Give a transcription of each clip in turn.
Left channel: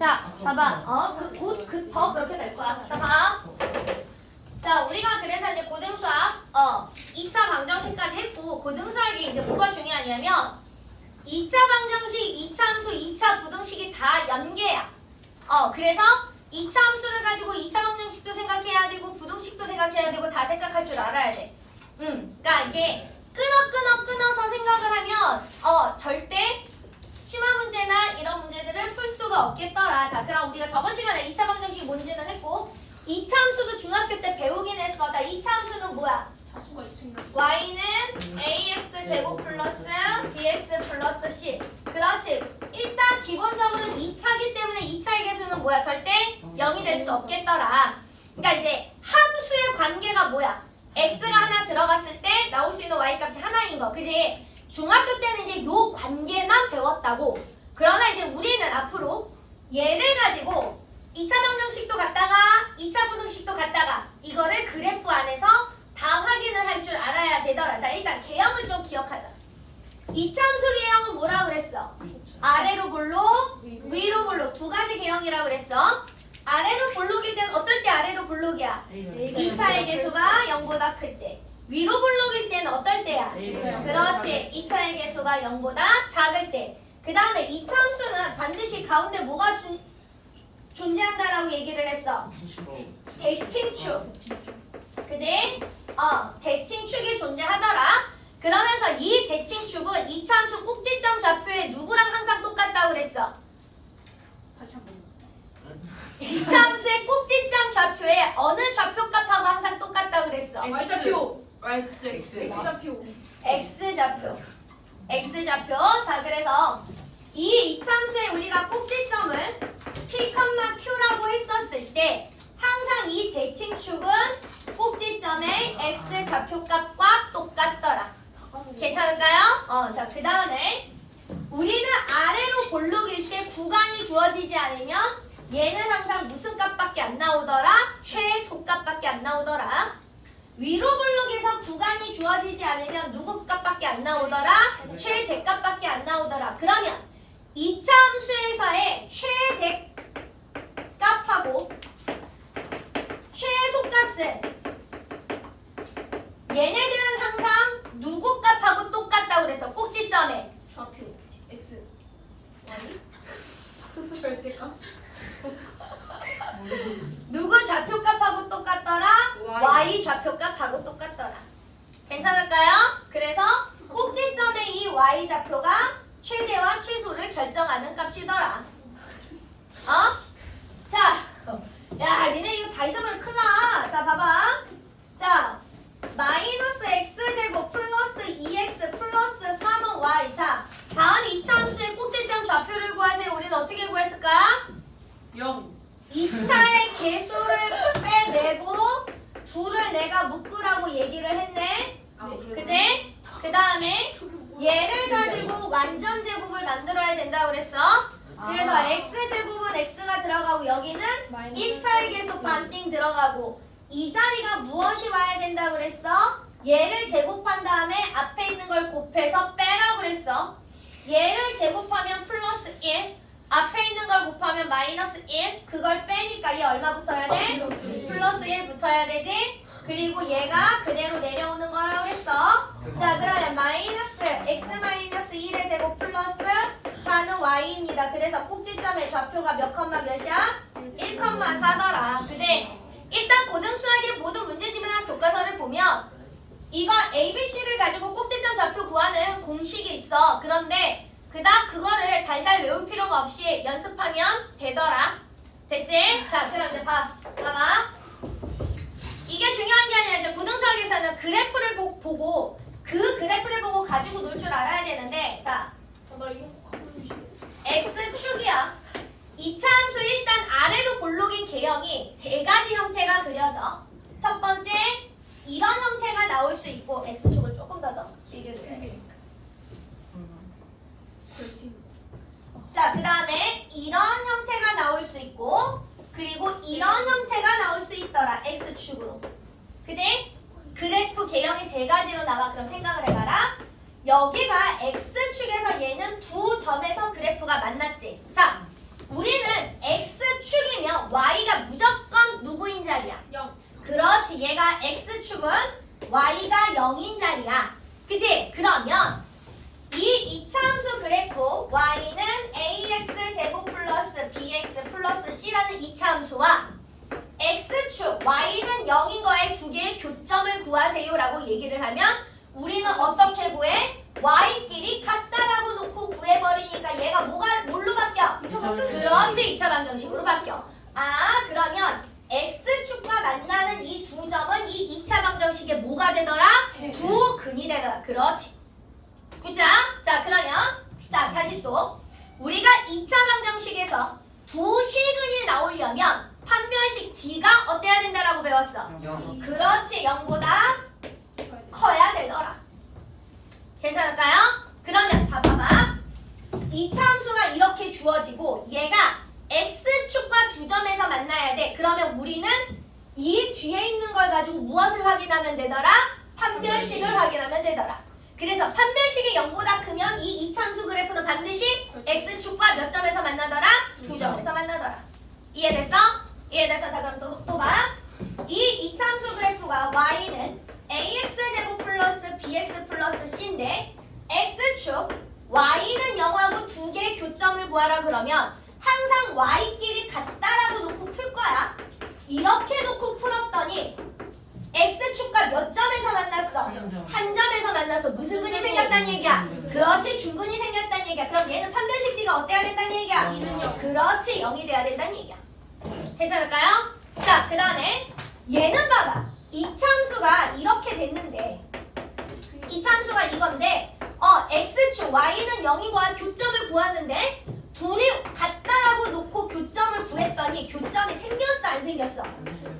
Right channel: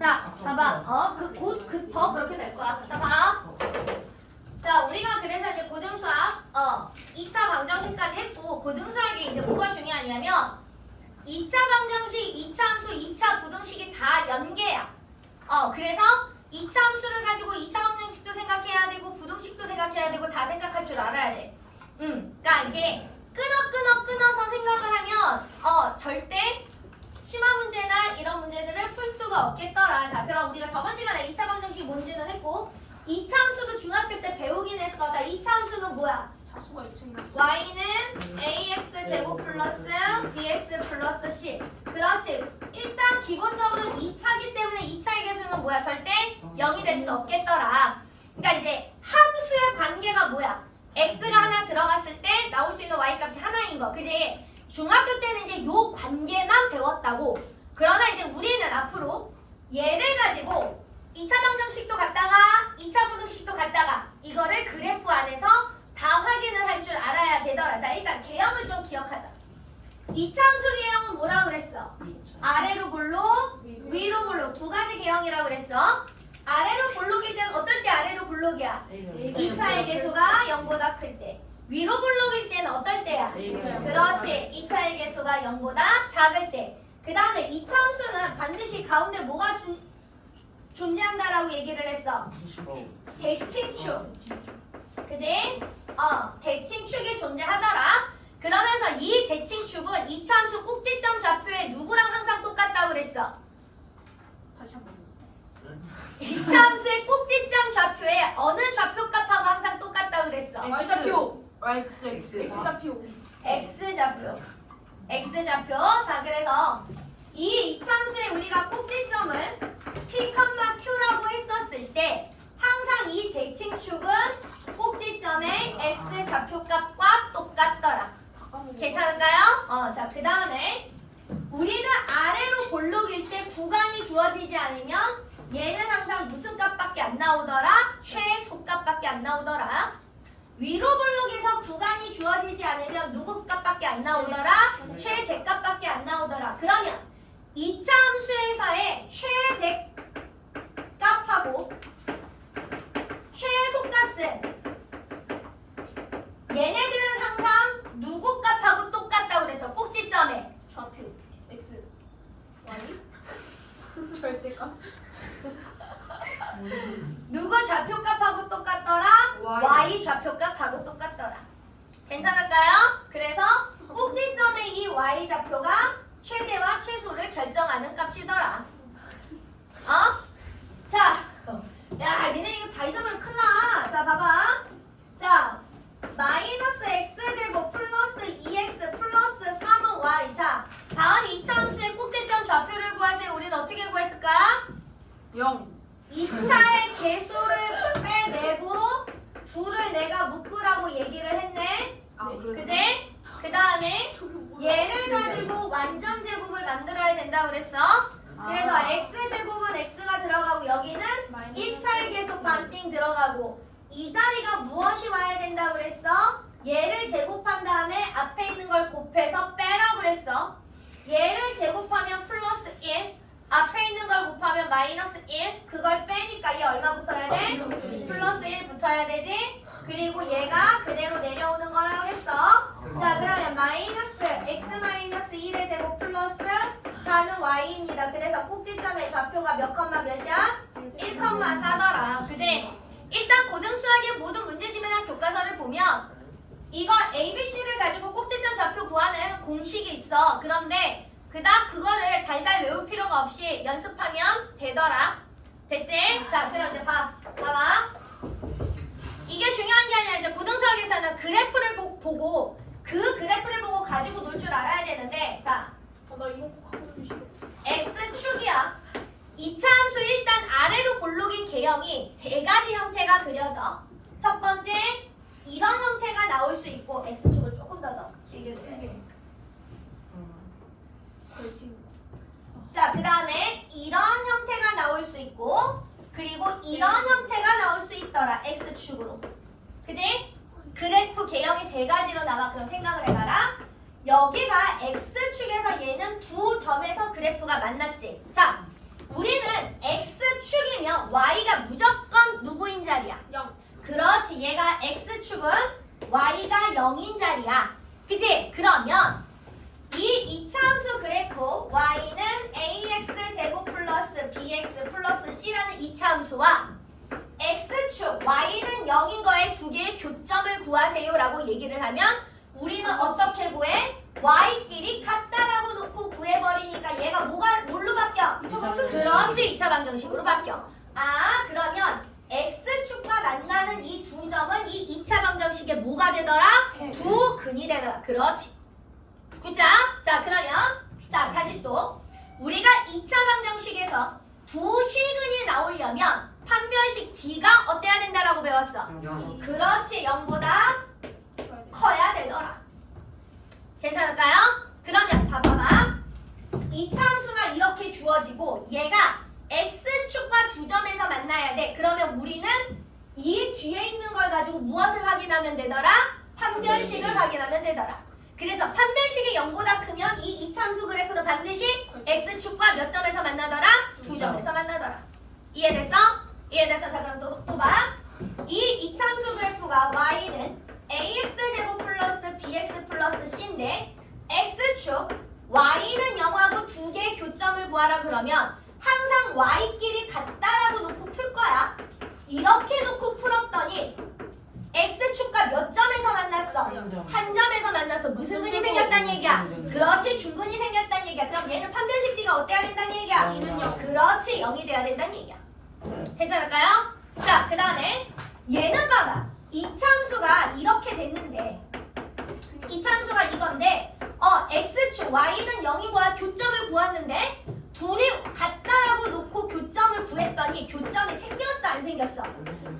자, 봐봐. 더 그렇게 될 거야. 자, 봐. 자, 우리가 그래서 이제 고등수학 2차 방정식까지 했고, 고등수학이 이제 뭐가 중요하냐면 2차 방정식, 2차 함수, 2차 부등식이 다 연계야. 그래서 2차 함수를 가지고 2차 방정식도 생각해야 되고 부등식도 생각해야 되고 다 생각할 줄 알아야 돼. 그러니까 이게 끊어서 생각을 하면 절대 심화 문제나 이런 문제들을 풀 수가 없겠더라. 자, 그럼 우리가 저번 시간에 2차 방정식 뭔지는 했고 2차 함수도 중학교 때 배우긴 했어. 자, 2차 함수는 뭐야? 자수가 있습니다. y는 ax 제곱 플러스 bx 플러스 c. 그렇지. 일단 기본적으로 2차기 때문에 2차의 개수는 뭐야? 절대 0이 될 수 없겠더라. 그러니까 이제 함수의 관계가 뭐야? x가 하나 들어갔을 때 나올 수 있는 y 값이 하나인 거. 그지? 중학교 때는 이제 요 관계만 배웠다고. 그러나 이제 우리는 앞으로 얘를 가지고 2차 방정식도 갖다가 2차 부등식도 갖다가 이거를 그래프 안에서 다 확인을 할 줄 알아야 되더라. 자, 일단 개형을 좀 기억하자. 2차 함수 개형은 뭐라고 그랬어? 아래로 볼록, 위로 볼록 두 가지 개형이라고 그랬어. 아래로 볼록일 때는 어떨 때 아래로 볼록이야? 2차의 개수가 0보다 클 때. 위로 볼록일 때는 어떨 때야? 그렇지. 2차의 개수가 0보다 작을 때. 그 다음에 2차 함수는 반드시 가운데 뭐가 존재한다라고 얘기를 했어? 대칭축. 그지? 대칭축이 존재하더라. 그러면서 이 대칭축은 2차 함수 꼭지점 좌표에 누구랑 항상 똑같다고 그랬어? 다시 한 번. 2차 함수의 꼭지점 좌표에 어느 좌표값하고 항상 똑같다고 그랬어? X좌표. X. X좌표. X좌표. X좌표. 자, 그래서 이 2차 함수에 우리가 꼭지점을 P, Q라고 했었을 때 항상 이 대칭축은 꼭지점의 X좌표값과 똑같더라. 괜찮을까요? 자, 그 다음에 우리는 아래로 볼록일 때 구간이 주어지지 않으면 얘는 항상 무슨 값밖에 안 나오더라? 최소값밖에 안 나오더라. 위로 볼록에서 구간이 주어지지 않으면 누구 값밖에 안 나오더라? 최대값밖에 안 나오더라. 그러면 2차 함수에서의 최대값하고 최소값은 얘네들은 항상 누구 값하고 똑같다고 그래서 꼭지점에 좌표. X. Y. 절대값. 누구 좌표값하고 똑같더라? Y 좌표값하고 똑같더라. 괜찮을까요? 그래서 꼭지점의 이 Y 좌표가 최대와 최소를 결정하는 값이더라. 자, 야, 니네 이거 다 잊어버리면 큰일 나. 자, 봐봐. 자, 마이너스 x제곱 플러스 2x 플러스 3은 y. 자, 다음 2차 함수의 꼭지점 좌표를 구하세요. 우리는 어떻게 구했을까? 0. 2차의 개수를 빼내고 둘을 내가 묶으라고 얘기를 했네. 그지? 그 다음에 얘를 가지고 완전 제곱을 만들어야 된다고 그랬어. 그래서 x제곱은 x가 들어가고 여기는 1차의 개수 반띵 들어가고 이 자리가 무엇이 와야 된다고 그랬어? 얘를 제곱한 다음에 앞에 있는 걸 곱해서 빼라고 그랬어. 얘를 제곱하면 플러스 1, 앞에 있는 걸 곱하면 마이너스 1, 그걸 빼니까 얘 얼마 붙어야 돼? 플러스 1 붙어야 되지? 그리고 얘가 그대로 내려오는 거라고 했어. 자, 그러면 마이너스 x 마이너스 1의 제곱 플러스 4는 y입니다. 그래서 꼭지점의 좌표가 몇 컴마 몇이야? 1,4더라. 그지? 일단 고등수학의 모든 문제집이나 교과서를 보면 이거 ABC를 가지고 꼭지점 좌표 구하는 공식이 있어. 그런데 그닥 그거를 달달 외울 필요가 없이 연습하면 되더라. 됐지? 자, 그럼 이제 봐봐. 이게 중요한 게 아니라 이제 고등수학에서는 그래프를 보고 그 그래프를 보고 가지고 놀 줄 알아야 되는데, 자, 나 이거 꼭 하고 싶어. X축이야. 2차 함수 일단 아래로 볼록인 개형이 세 가지 형태가 그려져. 첫 번째, 이런 형태가 나올 수 있고, X축을 조금 더 길게 그려. 그렇지. 자, 그 다음에 이런 형태가 나올 수 있고, 그리고 이런 형태가 나올 수 있더라. X축으로. 그지? 그래프 개형이 세 가지로 나와. 그럼 생각을 해봐라. 여기가 X축에서 얘는 두 점에서 그래프가 만났지. 자, 우리는 그렇지. 얘가 x축은 y가 0인 자리야. 그치? 그러면 이 이차함수 그래프 y는 ax 제곱 플러스 bx 플러스 c라는 이차함수와 x축 y는 0인 거에 두 개의 교점을 구하세요라고 얘기를 하면 우리는 어떻게 구해? y끼리 같다라고 놓고 구해버리니까 얘가 뭘로 바뀌어? 그렇지. 2차 방정식으로 바뀌어. 아, 그러면 x축과 만나는 이 두 점은 이 2차 방정식에 뭐가 되더라? 두 근이 되더라. 그렇지. 그자? 자, 그러면 자, 다시 또 우리가 2차 방정식에서 두 실근이 나오려면 판별식 D가 어때야 된다라고 배웠어? 그렇지. 0보다 커야 되더라. 괜찮을까요? 그러면 자, 봐봐. 2차 함수가 이렇게 주어지고 얘가 x축과 두 점에서 만나야 돼. 그러면 우리는 이 뒤에 있는 걸 가지고 무엇을 확인하면 되더라? 판별식을 확인하면 되더라. 그래서 판별식이 0보다 크면 이 2차 함수 그래프는 반드시 x축과 몇 점에서 만나더라? 두 점에서 만나더라. 이해됐어? 이해됐어? 자, 그럼 또 봐. 이 2차 함수 그래프가 y는 ax제곱 플러스 bx 플러스 c인데 x축 y는 0하고 두 개의 교점을 구하라 그러면 항상 y끼리 같다라고 놓고 풀 거야. 이렇게 놓고 풀었더니 x축과 몇 점에서 만났어? 한 점에서 만났어. 무슨 근이 생겼다는 얘기야? 그렇지. 중근이 생겼다는 얘기야. 그럼 얘는 판별식 D가 어때야 된다는 얘기야? 그렇지. 0이 돼야 된다는 얘기야. 괜찮을까요? 자, 그 다음에 얘는 봐봐. 이차함수가 이렇게 됐는데 이차함수가 이건데 x축 y는 0인 거야. 교점을 구하는데 둘이 같다라고 놓고 교점을 구했더니 교점이 생겼어? 안 생겼어?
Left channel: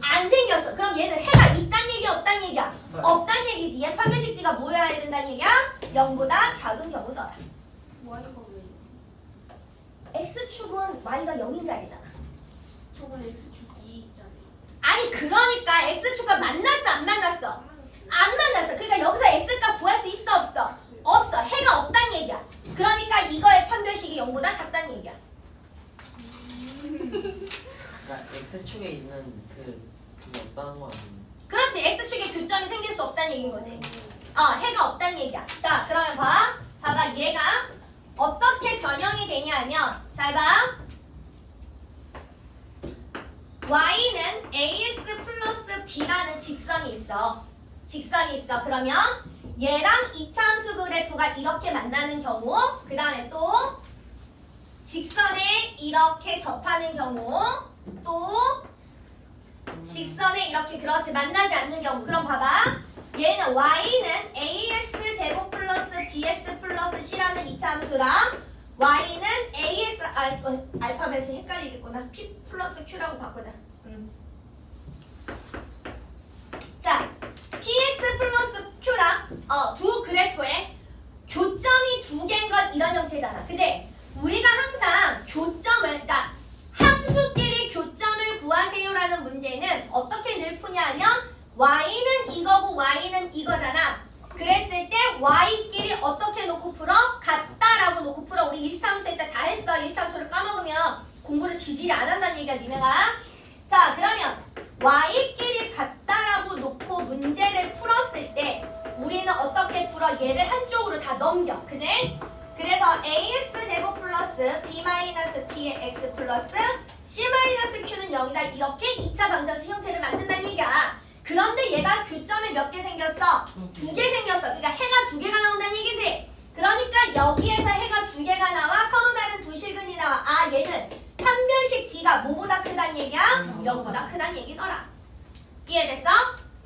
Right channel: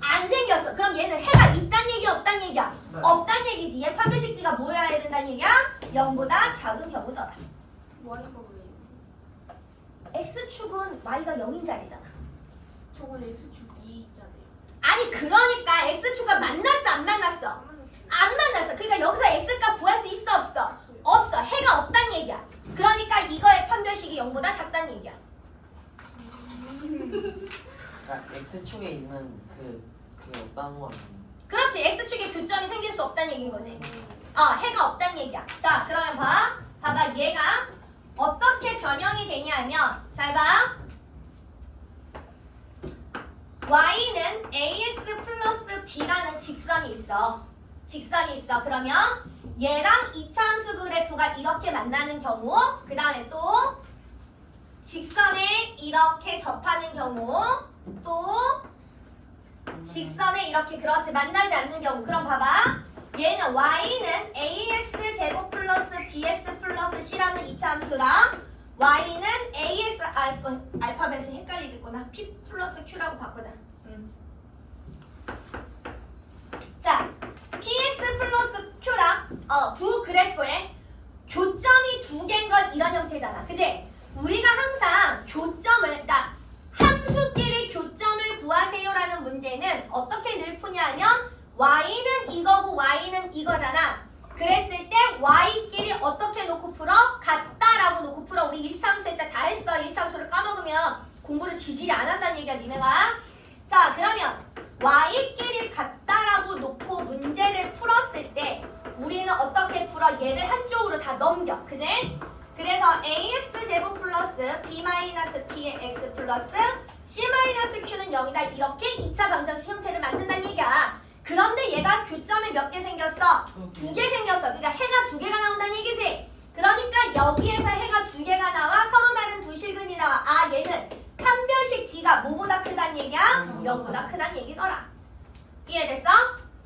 안 생겼어. 그럼 얘는 해가 있단 얘기야? 없단 얘기야? 없단 얘기지. 얘 판별식 D가 뭐여야 된다는 얘기야? 0보다 작은 경우더라. Y가 왜? x축은 y가 0인 자리잖아. 저건 X축 2 있잖아요. 아니 그러니까 x축과 만났어? 안 만났어? 안 만났어. 그러니까 여기서 x값 구할 수 있어? 없어? 없어. 해가 없단 얘기야. 그러니까 이거의 판별식이 0보다 작다는 얘기야. 그러니까 X축에 있는 그게 없다는 거 아니에요? 그렇지. x축에 교점이 생길 수 없다는 얘기인 거지. 해가 없다는 얘기야. 자, 그러면 봐봐. 얘가 어떻게 변형이 되냐 하면 잘 봐. y는 ax 플러스 b라는 직선이 있어. 그러면 얘랑 2차 함수 그래프가 이렇게 만나는 경우, 그 다음에 또 직선에 이렇게 접하는 경우, 또 직선에 이렇게 그렇지 만나지 않는 경우. 그럼 봐봐. 얘는 y는 ax 제곱 플러스 bx 플러스 c라는 2차 함수랑 y는 ax 알파벳이 헷갈리겠구나. p 플러스 q라고 바꾸자. 자, px 플러스 q랑 두 그래프에 교점이 두 개인 건 이런 형태잖아. 그지? 우리가 항상 교점을, 그러니까 함수끼리 교점을 구하세요라는 문제는 어떻게 늘 푸냐 하면 y는 이거고 y는 이거잖아. 그랬을 때 y끼리 어떻게 놓고 풀어? 같다라고 놓고 풀어. 우리 1차 함수 일단 다 했어. 1차 함수를 까먹으면 공부를 지질이 안 한다는 얘기야, 니네가. 자, 그러면 y끼리 같다라고 놓고 문제를 풀었을 때 우리는 어떻게 풀어? 얘를 한쪽으로 다 넘겨. 그지? 그래서 ax 제곱 플러스 b 마이너스 px 플러스 c 마이너스 q는 0이다. 이렇게 2차 방정식 형태를 만든다는 얘기야. 그런데 얘가 교점이 몇 개 생겼어? 두 개 생겼어. 그러니까 해가 두 개가 나온다는 얘기지. 그러니까 여기에서 해가 두 개가 나와 서로 다른 두 실근이 나와. 아, 얘는 판별식 D가 뭐보다 크다는 얘기야? 0보다 크다는 얘기더라. 이해됐어?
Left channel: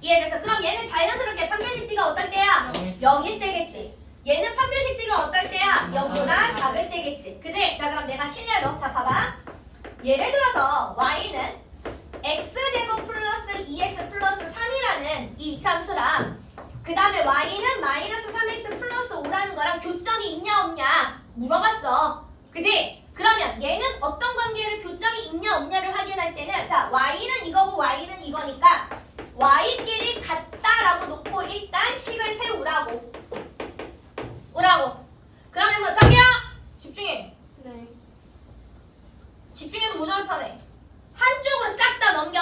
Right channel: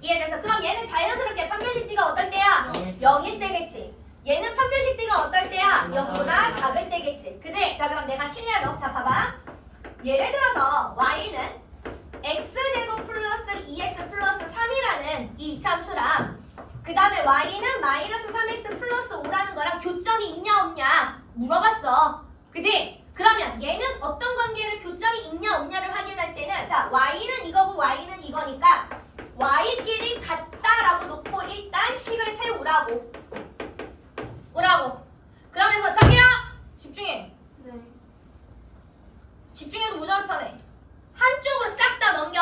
이해됐어? 그럼 얘는 자연스럽게 판별식 D가 어떨 때야? 0일 때겠지. 얘는 판별식 D가 어떨 때야? 0보다 작을 때겠지. 그지? 자, 그럼 내가 실례로 자 봐봐. 예를 들어서 y는 x제곱 플러스 2x 플러스 3이라는 이 이차함수랑 그 다음에 y는 마이너스 3x 플러스 5라는 거랑 교점이 있냐 없냐 물어봤어. 그지? 그러면 얘는 어떤 관계를 교점이 있냐 없냐를 확인할 때는 자, y는 이거고 y는 이거니까 y끼리 같다라고 놓고 일단 식을 세우라고. 그러면서 자기야 집중해. 네. 집중해도 모자를 파네. 한쪽으로 싹 다 넘겨.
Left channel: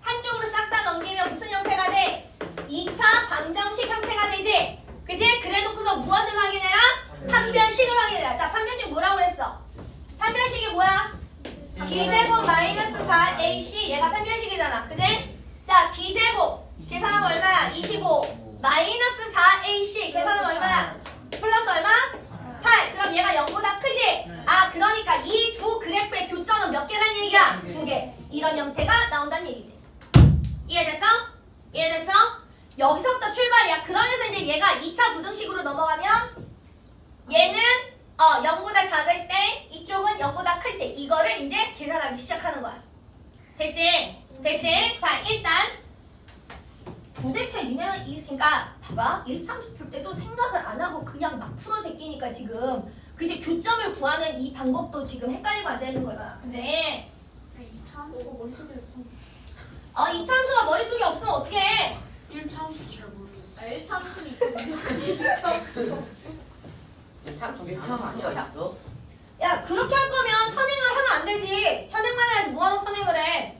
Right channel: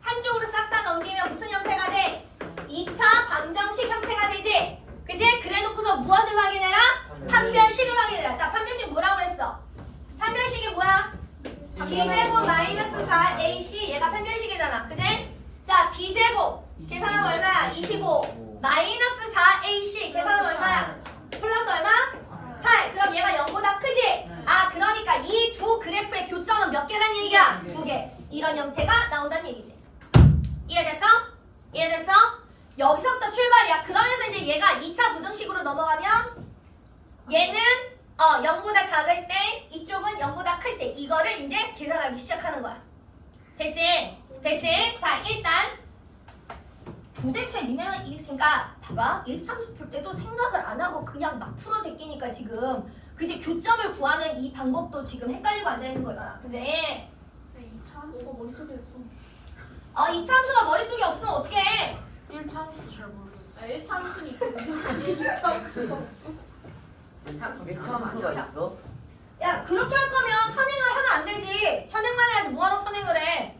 한쪽으로 싹 다 넘기면 무슨 형태가 돼? 2차 방정식 형태가 되지? 그지? 그래 놓고서 무엇을 확인해라? 판별식을 확인해라. 자, 판별식 뭐라고 그랬어? 판별식이 뭐야? b제곱 마이너스 4ac 얘가 판별식이잖아. 그지? 자, b제곱 계산하면 얼마야? 25 마이너스 4ac 계산하면 얼마야? 플러스 얼마? 8. 그럼 얘가 0보다 크지? 아, 그러니까 이 두 그래프의 교점은 몇 개란 얘기야? 2개. 이런 형태가 나온다는 얘기지. 이해됐어? 이해됐어? 여기서부터 출발이야. 그러면서 이제 얘가 2차 부등식으로 넘어가면 얘는 0보다 작을 때 이쪽은 0보다 클 때 이거를 이제 계산하기 시작하는 거야. 됐지? 됐지? 자, 일단 도대체 니네는 그러니까 봐봐. 1참수 풀 때도 생각을 안 하고 그냥 막 풀어 제끼니까 지금 그지? 교점을 구하는 이 방법도 지금 헷갈리고 앉아있는 거야. 그지? 이 참수가 머릿속에 있어. 2참수가 머릿속에 없으면 어떡해? 1차원수도 잘 모르겠어. 1참수는 있거든요. 2참수. 참수가 있어? 야, 그렇게 할 거면 선행을 하면 안 되지. 현행만 해야지 뭐하러 선행을 해.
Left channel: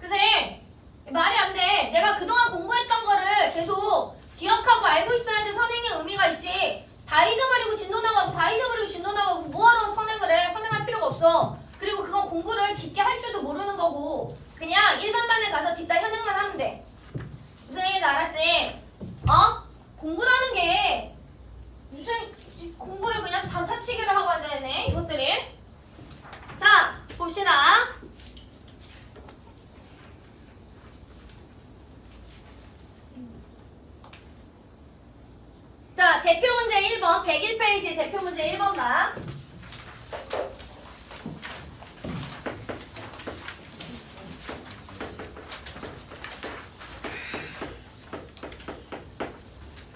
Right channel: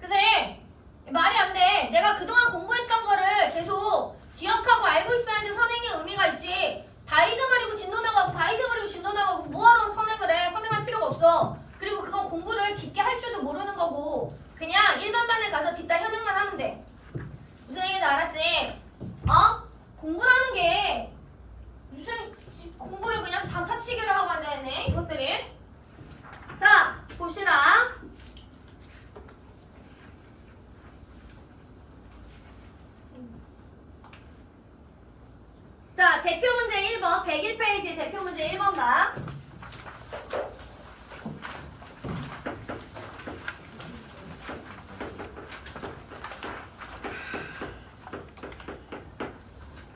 그지? 말이 안 돼. 내가 그동안 공부했던 거를 계속 기억하고 알고 있어야지 선행의 의미가 있지. 다 잊어버리고 진도 나가고 다 잊어버리고 진도 나가고 뭐하러 선행을 해. 선행할 필요가 없어. 그리고 그건 공부를 깊게 할 줄도 모르는 거고 그냥 일반반에 가서 뒷다 현행만 하면 돼. 무슨 얘기인지 알았지? 공부라는 게 무슨 공부를 그냥 단타치기를 하고 앉아있네 이것들이. 자, 봅시다. 자, 대표 문제 1번 101페이지 대표 문제 1번 봐.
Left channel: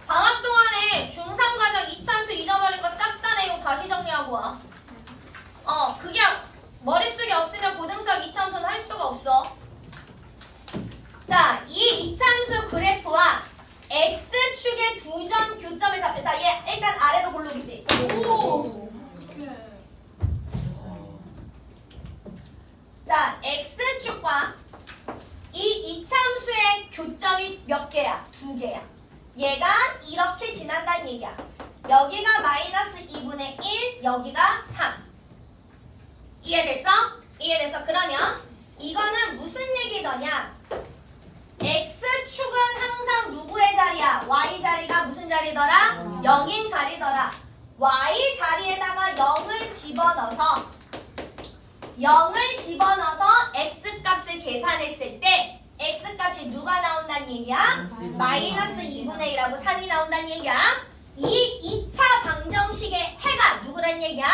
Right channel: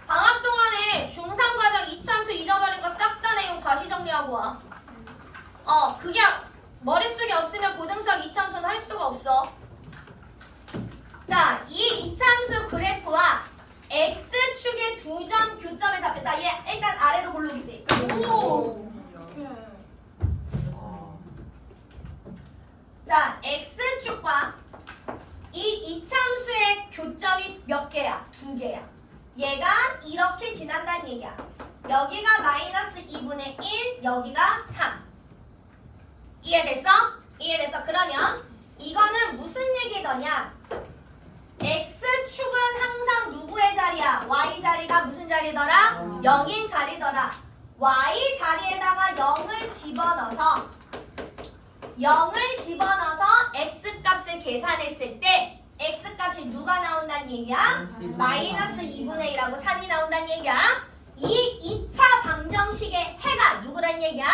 방학 동안에 중3 과정 2참수 잊어버린 거 싹 다 내용 다시 정리하고 와. 그게 머릿속에 없으면 고등수학 2참수는 할 수가 없어. 자, 이 2참수 그래프와 X축의 두 점 교점에 잡혀. 자, 얘 일단 아래로 골르기지. 오! 자, X축과 이 2참수의 교점이 몇 개야? 2개야. 얘가 이렇게 지난다는 얘기야. 여기가 마이너스 2분의 1, 여기가 3. 이해됐어? 이해됐어? 그러면 이거는 무슨 얘기더냐? X축은 항상 누구의 자리야? Y 자리가 무슨 자리더라? 0인 자리더라. Y 자리에다가 0을 집어넣어서 X값을 계산했을 때 X값이 누가 나온다는 얘기야? 마이너스 2분의 1하고 3이 나온다는 얘기야. 이 2차 방정식의 해가 누구란 얘기야?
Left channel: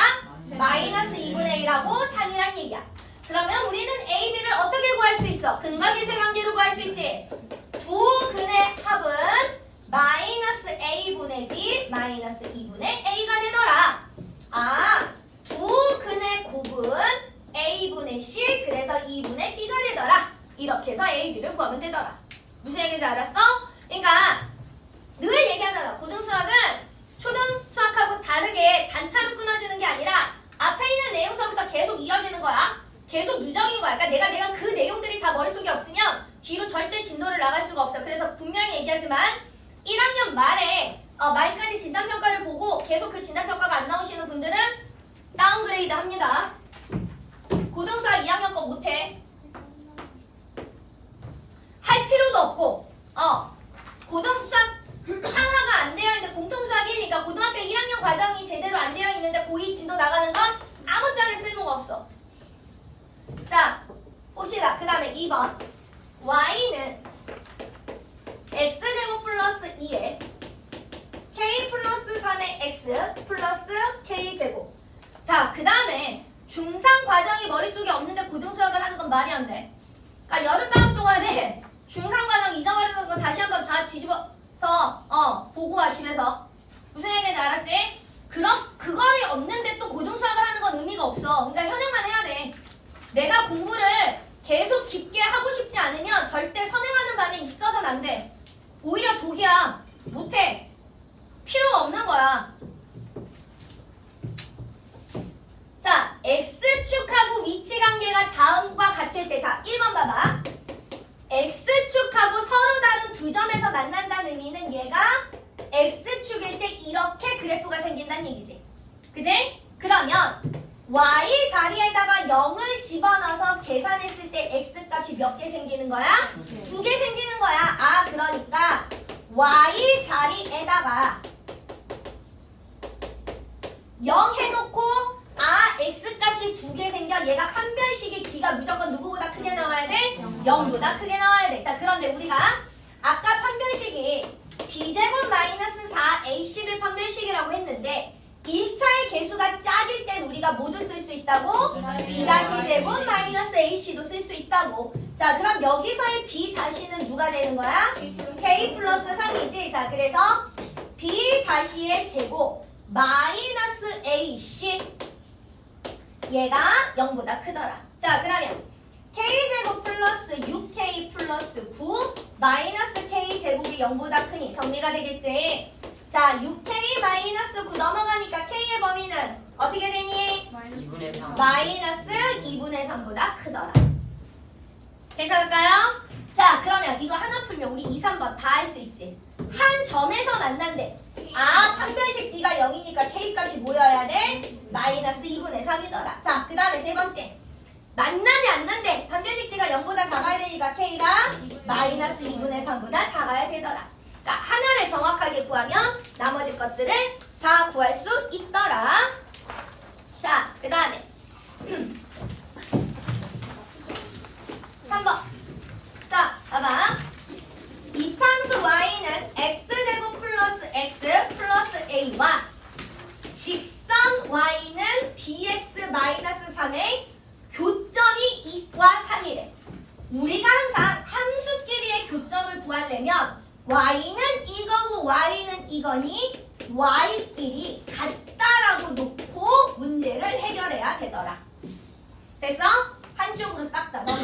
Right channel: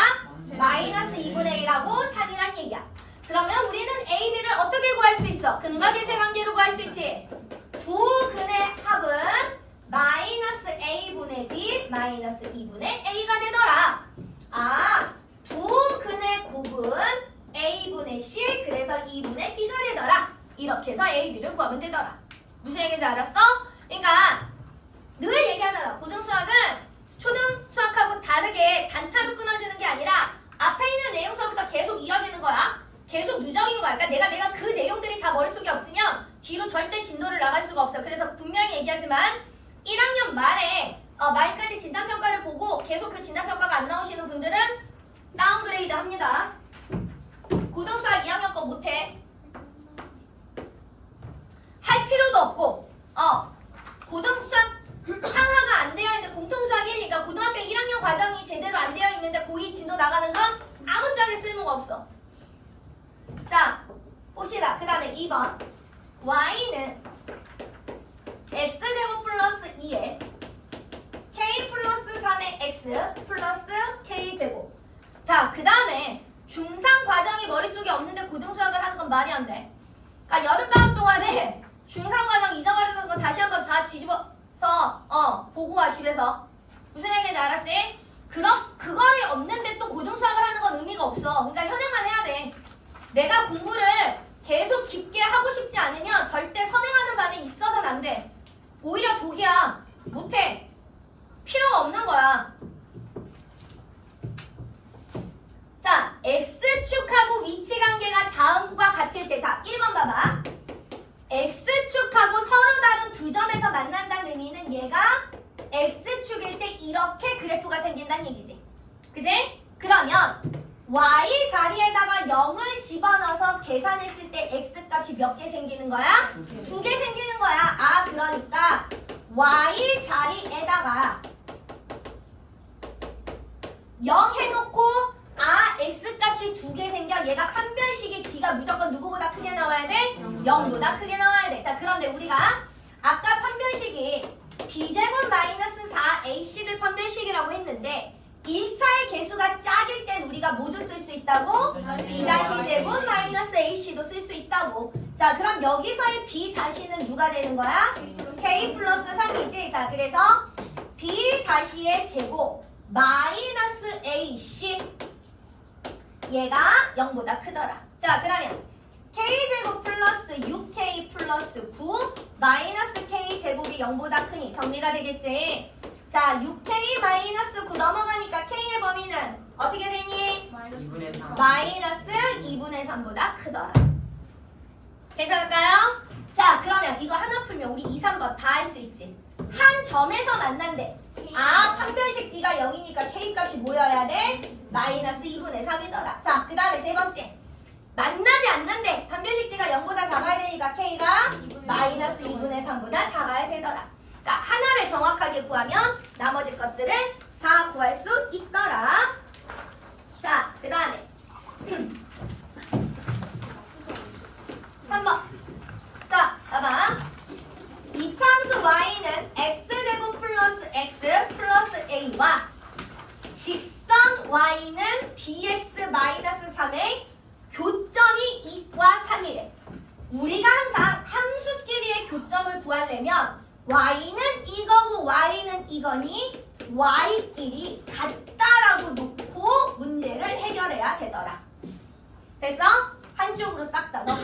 마이너스 2분의 1하고 3이란 얘기야. 그러면 우리는 A, B를 어떻게 구할 수 있어? 근과 계수의 관계로 구할 수 있지. 두 근의 합은 마이너스 A분의 B 마이너스 2분의 A가 되더라. 두 근의 곱은 A분의 C 그래서 2분의 B가 되더라. 이렇게 해서 A, B를 구하면 되더라. 무슨 얘기인지 알았어? 그러니까 늘 얘기하잖아. 고등수학은 초등수학하고 다르게 단타로 끊어지는 게 아니라 앞에 있는 내용서부터 계속 이어지는 거야. 계속 누적인 거야. 그러니까 내가 그 내용들이 다 머릿속에 없으면 뒤로 절대 진도를 나갈 수가 없어. 그래서 분명히 얘기하지만 1학년 말에 말까지 진단평가를 보고 계속 그 진단평가가 안 나오시는 분들은 다운그레이드 합니다. 고등수학 2학년 거 못해. 할 필요도 없고 고등수학 상하가 안 되어 있는 공통수학 1이니까 고등학교 1학년 과정이 제대로 안 되어 있는데 고2 진도 나가는 건 아무짝에 쓸모가 없어. 자, 봅시다. 그 다음에 2번 y는 x제곱 플러스 2에 k 플러스 3의 x 플러스 k제곱. 자, 그 다음에 중3 과정이 머릿속에 없는데 고등수학을 하는 건 말이 안 돼. 그러니까 여름방학 동안에 중3 과정 잊어버리는 거 다시 한번 다 뒤집어서 보고 와 집에서. 무슨 얘기인지 알았지? 그거를 없는데 또 고등수학을 하는 건 의미가 없어. 그러니까 현행만 해야 돼. 내가 공부를 계속 깊게 하고 싶지 않으면 절대 선행하는 반에 있어서는 안 돼. 오히려 독이야. 못해. 필요가 없는 거야. 자, X축하고 위치관계가 다음과 같을 때, 자, 1번 봐봐. X축하고 계산했을 때 x 값이 몇 개 생기는 거야? 2개 생기는 거야. 아, 그러니까 y 자리에다가 0 해놓고 x 값이 2개 생겨. 얘가 판별식의 d가 무조건 누구보다 크게 나와야 돼? 0보다 크게 나와야 돼. 자, 그런데 우리가 아까 판별식이 b제곱 마이너스 4ac를 판별식이라고 했는데 1차의 개수가 짝일 땐 우리가 모두 쓸 수 있다고? b-제곱 마이너스 ac도 쓸 수 있다고. 자, 그럼 여기서의 b-는 누가 되는 거야? k 플러스 3이지. 자, 그래서 b-의 제곱 마이너스 ac 얘가 0보다 크더라. 자, 그러면 k제곱 플러스 6k 플러스 9 마이너스 k제곱이 0보다 크니 정리가 되겠지? 자, 6k 마이너스 9 넘어가니까 k의 범위는 어떻게 되니? 마이너스 2분의 3보다 크더라. 괜찮을까요? 자, 그러면 이거 하나 풀면 우리 2, 3번 다 할 수 있지. 한 점에서 만난대. 아, 판별식 d가 0이니까 k 값이 뭐여야 돼? 마이너스 2분의 3이더라. 자, 그 다음에 세 번째. 만나지 않는데 판별식 d가 0보다 작아야 되니까 k가 마이너스 2분의 3보다 작아야 되더라. 그러니까 하나를 정확하게 구하면 나머지 것들을 다 구할 수 있더라. 자, 그 다음에 3번. 자, 봐봐. 이차함수 y는 x제곱 플러스 x 플러스 a와 직선 y는 bx 마이너스 3의 교점이 2과 3이래. 우리가 항상 함수끼리의 교점을 구하려면 y는 이거고 y는 이거니 y끼리 같다라고 놓고 문제를 해결해야 되더라. 됐어? 한쪽으로 싹 다 넣어.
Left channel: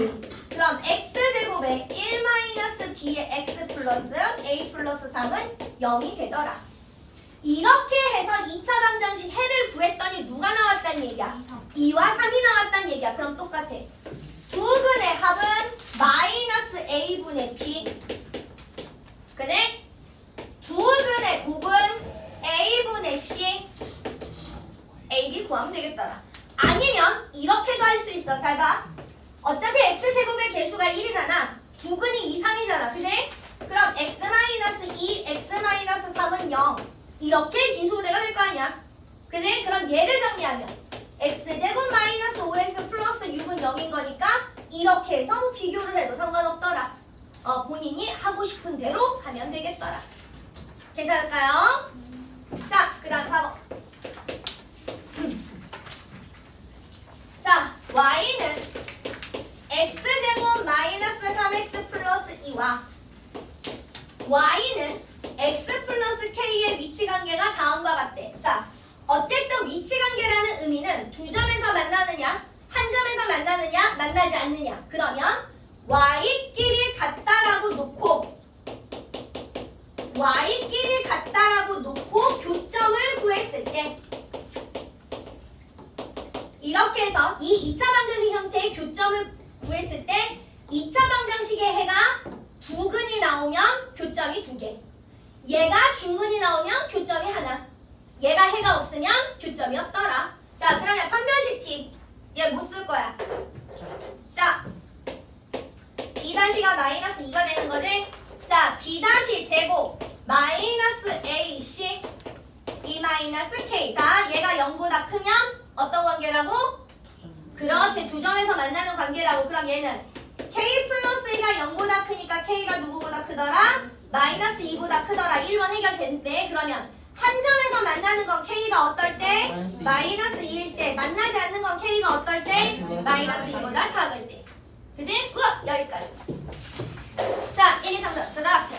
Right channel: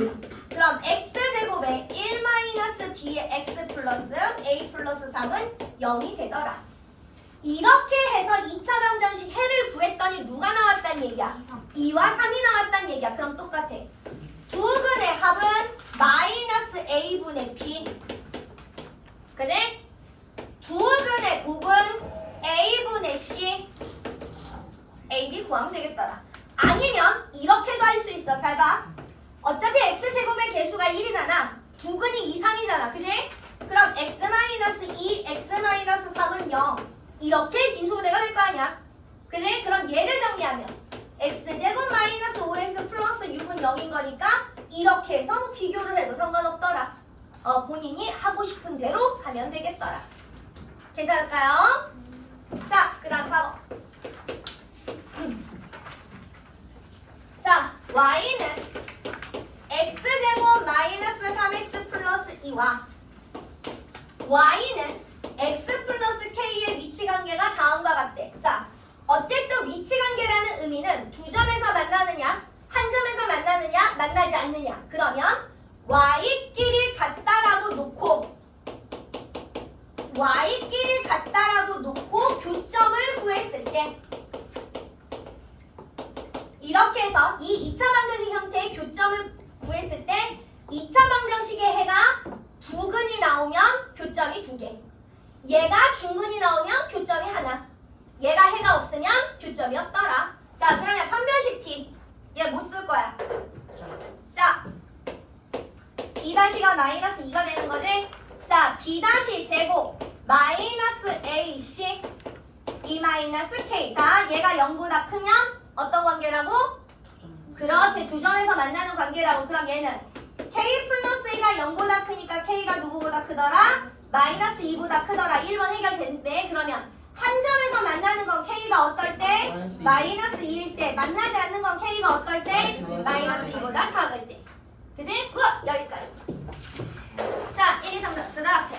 그럼 x제곱에 1-b의 x 플러스 a 플러스 3은 0이 되더라. 이렇게 해서 2차 방정식 해를 구했더니 누가 나왔단 얘기야? 2와 3이 나왔단 얘기야. 그럼 똑같아. 두 근의 합은 마이너스 a분의 b. 그지? 두 근의 곱은 a분의 c. a, b 구하면 되겠더라. 아니면 이렇게도 할 수 있어. 잘 봐. 어차피 x제곱의 개수가 1이잖아. 두 근이 2, 3이잖아. 그지? 그럼 x-2, x-3은 0. 이렇게 인수분해가 될 거 아니야. 그지? 그럼 얘를 정리하면 x제곱 마이너스 5x 플러스 6은 0인 거니까 이렇게 해서 비교를 해도 상관없더라. 본인이 하고 싶은 대로 하면 되겠더라. 괜찮을까요? 자, 그 다음 4번. 자, y는 x제곱 마이너스 3x 플러스 2와 y는 x 플러스 k의 위치관계가 다음과 같대. 자, 어쨌든 위치관계라는 의미는 두 점에서 만나느냐, 한 점에서 만나느냐, 만나지 않느냐. 그러면 y끼리 같다라고 놓고 교점을 구했을 때 이렇게 해서 이 2차 방정식 형태의 교점을 구했을 때 2차 방정식의 해가 두 근이 나오면 교점이 2개. 얘가 중근이 나오면 교점이 하나. 얘가 해가 없으면 교점이 없더라. 자, 그러면 판별식 t. 얘 못 쓸 거야. 자, b-가 마이너스 2가 되는 거지? 자, b- 제곱 마이너스 ac 2 마이너스 k. 자, 얘가 0보다 크면 어떤 관계라고? 그렇지, 두 점에서 만나는 관계라고. 그럼 얘는 k 플러스 a가 0보다 크니까 k가 누구보다 크더라? 마이너스 2보다 크더라. 1번 해결됐는데 그러면 한 점에서 만나는 건 k가 어떨 때? 마이너스 2일 때. 만나지 않는 건 k가 어떨 때? 마이너스 2보다 작을 때. 그지? 끝! 여기까지. 자, 1, 2, 3, 4 스타트.